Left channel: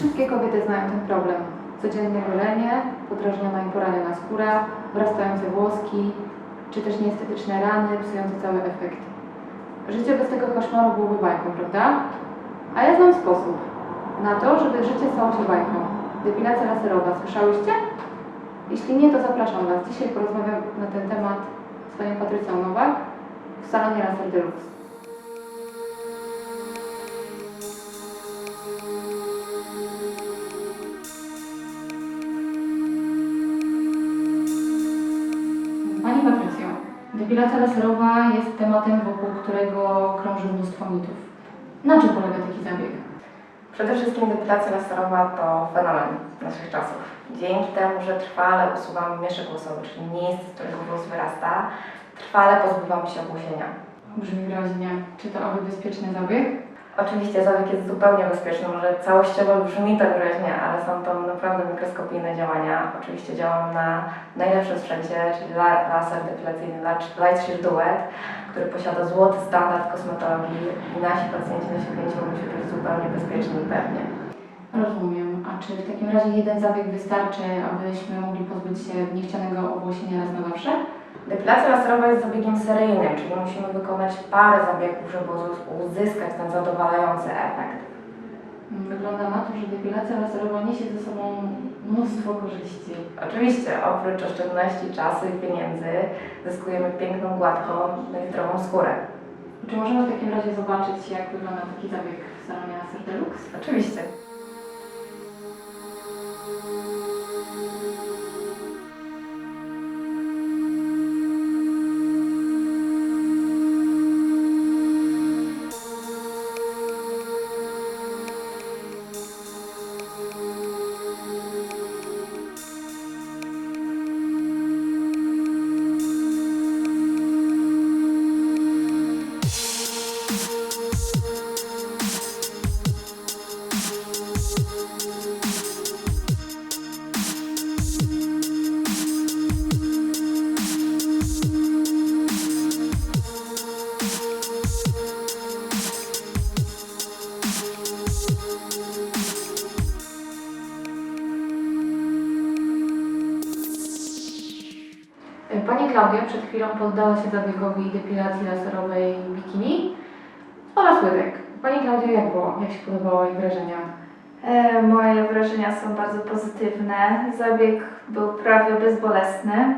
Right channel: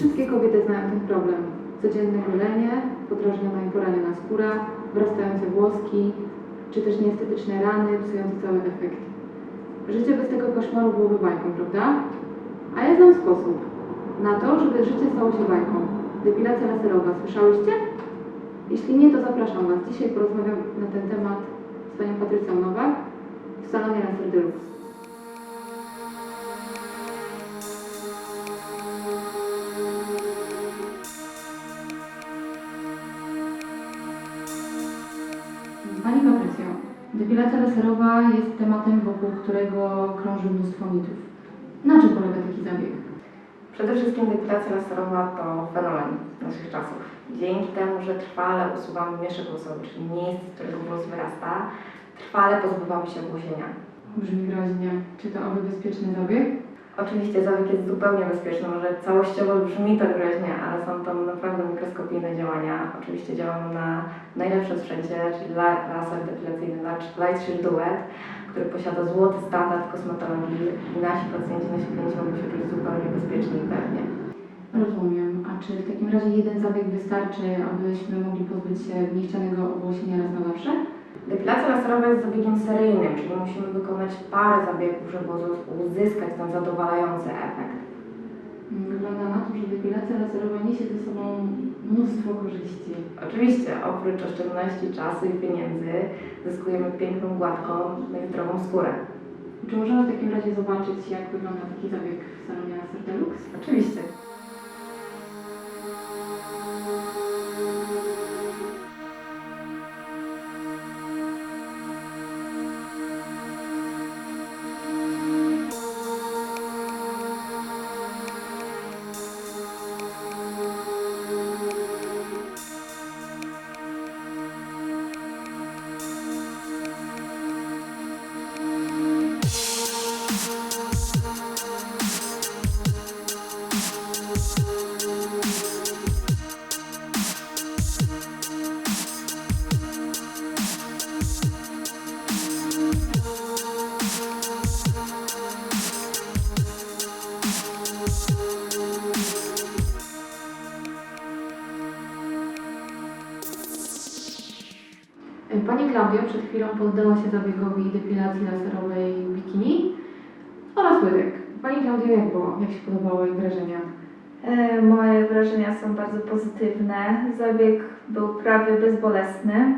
Wszystkie kobiety znają ten problem. Codzienne golenie, podrażniona i poraniona skóra, wrastające włoski, czy też nieestetyczne rany, psujące cały efekt. Życie bez tego koszmaru byłoby bajką, prawda? A ja znam sposób na to, żeby życie stało się bajką. Depilacja laserowa, słyszałyście? Jeśli nie, to zapraszam Was. Dzisiaj porozmawiam na ten temat z panią Patrycją Nowak w salonie Laser Deluxe. Depilacja laserowa jest tematem, wokół którego krąży mnóstwo mitów. Na czym polega taki zabieg? Przede wszystkim depilacja laserowa to fenomen naszych czasów. Dzięki temu, że trwale usuwamy mieszek włosowy, czyli miejsce, z którego włos wyrasta, trwale pozbywamy się obłosienia. Brzmi groźnie. Czy to oby bezpieczny zabieg? Oczywiście zabieg jest zupełnie bezpieczny, może całościowo brzmi to groźnie, ale są to naprawdę mikroskopijne działania. Oczywiście działam na najlepszym sprzęcie, czyli la- laser depilacyjny Light Shield Duet, który posiada złoty standard kosmetologii i nasi pacjenci, klienci mogą się czuć zupełnie bezpiecznie i pewnie. Rozumiem. A czy w takim razie jeden zabieg wystarczy, abyśmy mogli pozbyć się niechcianego obłosienia raz na zawsze? Depilacja laserowa jest zabiegiem seryjnym, czyli musimy wykonać parę zabiegów, żeby uz- uzyskać ten zadowalający efekt. Wygląda na to, że depilacja laserowa niesie ze sobą mnóstwo korzyści. Oczywiście, oprócz oszczędności czasu i pieniędzy, zyskujemy piękną, gładką, i zdrową skórę. Czy możemy w takim razie zobaczyć, jak wygląda taki zabieg w salonie Laser Deluxe? Oczywiście. Pani Klaudia przed chwilą poddała się zabiegowi depilacji laserowej bikini oraz łydek. Pani Klaudia, jak było? Jak się podobało jej wrażenia? E, Moje wrażenia są bardzo pozytywne. Zabieg był prawie bezbolesny.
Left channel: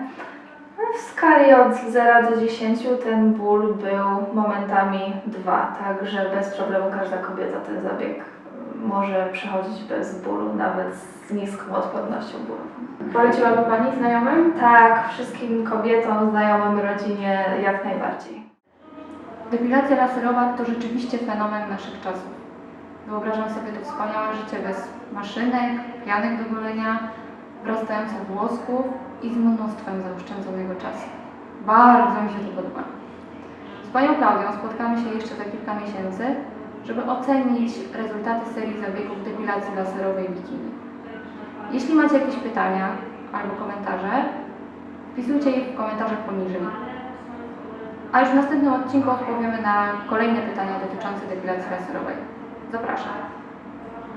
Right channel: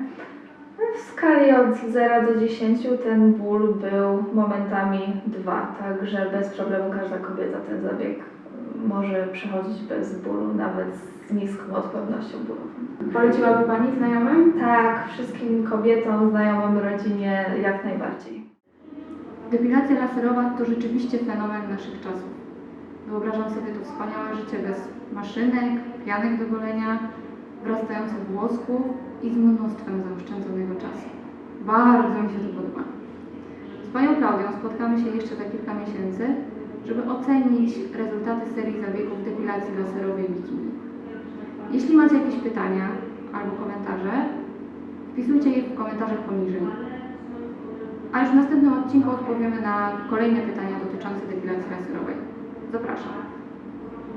W skali od 0 do 10 ten ból był momentami 2, także bez problemu każda kobieta ten zabieg może przechodzić bez bólu, nawet z niską odpornością bólową. Poleciłaby Pani znajomym? Tak, wszystkim kobietom, znajomym, rodzinie jak najbardziej. Depilacja laserowa to rzeczywiście fenomen naszych czasów. Wyobrażam sobie to wspaniałe życie bez maszynek, pianek do golenia, wrastających włosków i z mnóstwem zaoszczędzonego czasu. Bardzo mi się to podoba. Z Panią Klaudią spotkamy się jeszcze za kilka miesięcy, żeby ocenić rezultaty serii zabiegów depilacji laserowej bikini. Jeśli macie jakieś pytania albo komentarze, wpisujcie je w komentarzach poniżej. A już w następnym odcinku odpowiemy na kolejne pytania dotyczące depilacji laserowej. Zapraszam.